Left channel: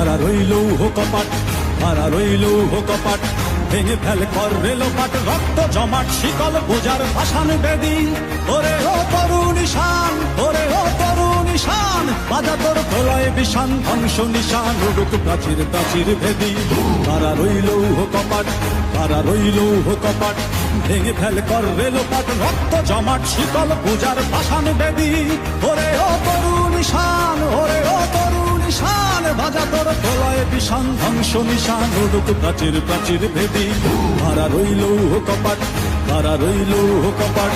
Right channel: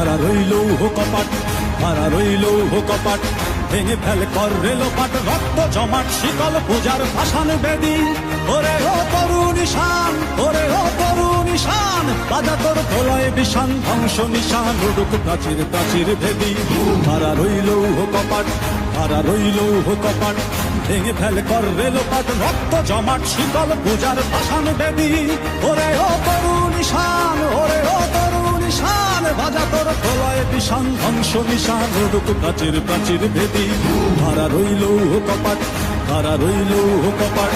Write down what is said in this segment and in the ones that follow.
কারা রইল কপাট, কারা রইল কপাট, ভেঙে ফেল কর রেলোপাট, রক্ত জমাট শিকল পূজার ভাসান বেদি। ওরে ও তরু নিশান, ওরে ও তরু নিশান, বাজা তোর প্রলয় বিষান, ধ্বংস নিশান উড়ুক প্রাচীর প্রাচীর ভেদি। কারা রইল কপাট, কারা রইল কপাট, ভেঙে ফেল কর রেলোপাট, রক্ত জমাট শিকল পূজার ভাসান বেদি। ওরে ও তরু নিশান, ওরে ও তরু নিশান, বাজা তোর প্রলয় বিষান, ধ্বংস নিশান উড়ুক প্রাচীর প্রাচীর ভেদি। কারা রইল কপাট, কারা রইল কপাট।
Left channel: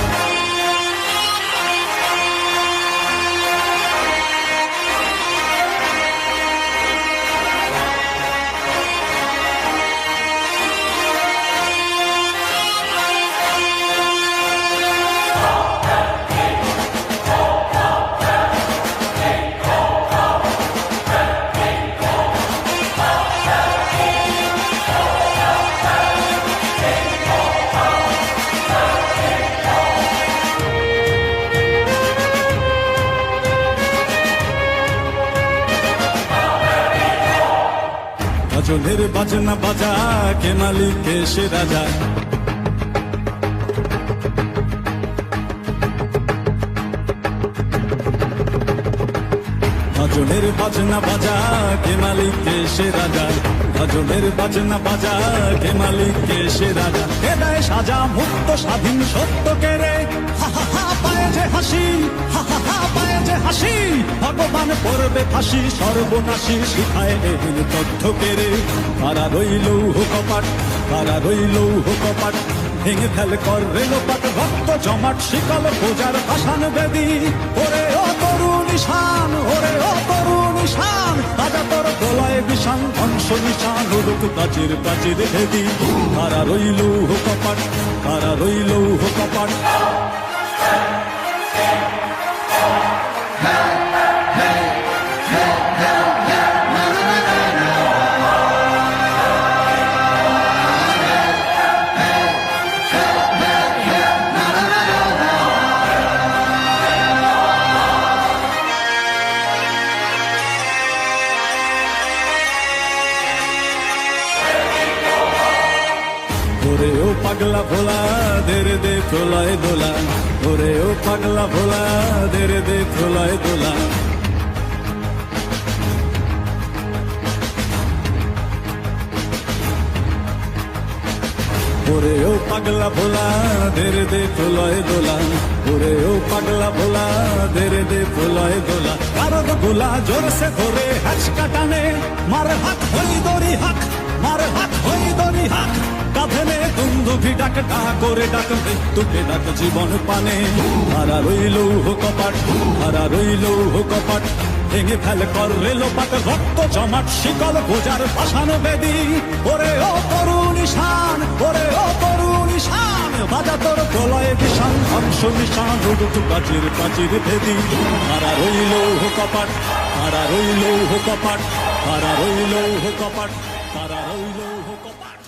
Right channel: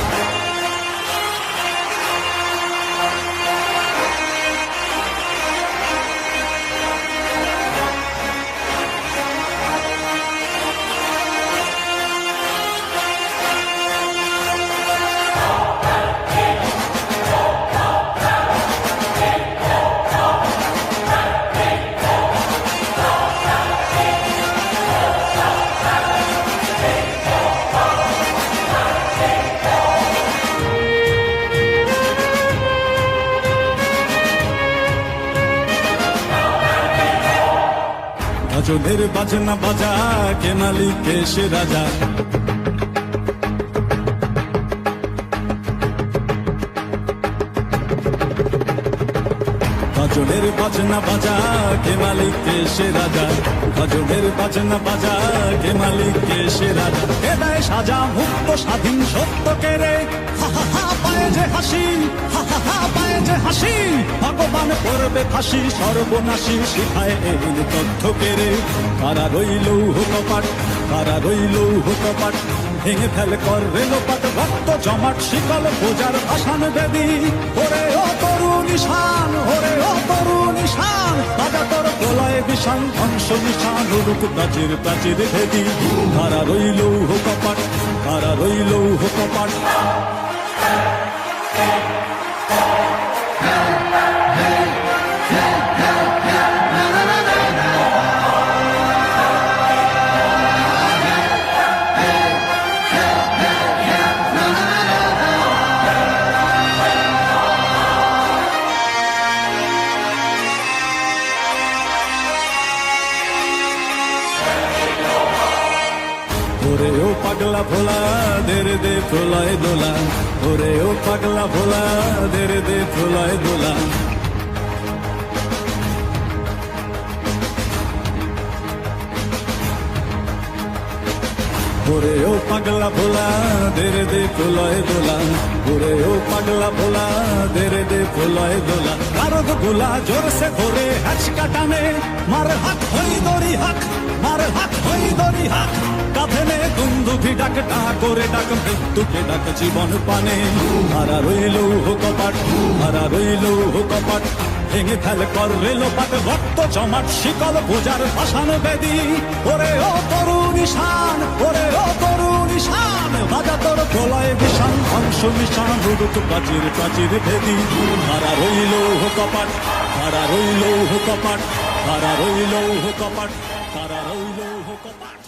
গজলের বাজনা বাজা, কে মালিক কে সে রাজা। গজলের বাজনা বাজা, কে মালিক কে সে রাজা। গজলের বাজনা বাজা, কে মালিক কে সে রাজা। কে দেয় সাজা মুক্ত স্বাধীন সত্য কেড়ে, হা হা হা পায়ে যে হাসি, হা হা হা পায়ে যে হাসি। ভগবান পড়বে ফাঁসি, সর্বনাশী শিখায় এহীন তথ্য কেড়ে। কারা রইল কপাট, কারা রইল কপাট, ভেঙে ফেল কর রেলোপাট, রক্ত জমাট শিকল পূজার ভাসান বেদি। ওরে ও তরু নিশান, ওরে ও তরু নিশান, বাজা তোর প্রলয় বিষান, ধ্বংস নিশান উড়ুক প্রাচীর প্রাচীর ভেদি। কারা রইল কপাট, কারা রইল কপাট। ওরে ও পাগলা ভোলা, দেরে দে প্রলয় দোলা। ওরে ও পাগলা ভোলা, দেরে দে প্রলয় দোলা। ওরে ও পাগলা ভোলা, দেরে দে প্রলয় দোলা। ওরে ও পাগলা ভোলা, দেরে দে প্রলয় দোলা। কারদ গোলা জোরসে ধরে হ্যাচকা টানে, মার হাত হই দড়ি হাক, মার হাত হই দড়ি হাক। কাঁধে দুন্দুভি ডাক, ডাক করে ডাক মৃত্যুকে ডাক জীবন পানে। কারা রইল কপাট, কারা রইল কপাট, ভেঙে ফেল কর রেলোপাট, রক্ত জমাট শিকল পূজার ভাসান বেদি। ওরে ও তরু নিশান, ওরে ও তরু নিশান, বাজা তোর প্রলয় বিষান, ধ্বংস নিশান উড়ুক প্রাচীর প্রাচীর ভেদি। কারা রইল কপাট, কারা রইল কপাট, কারা রইল কপাট, কারা রইল কপাট।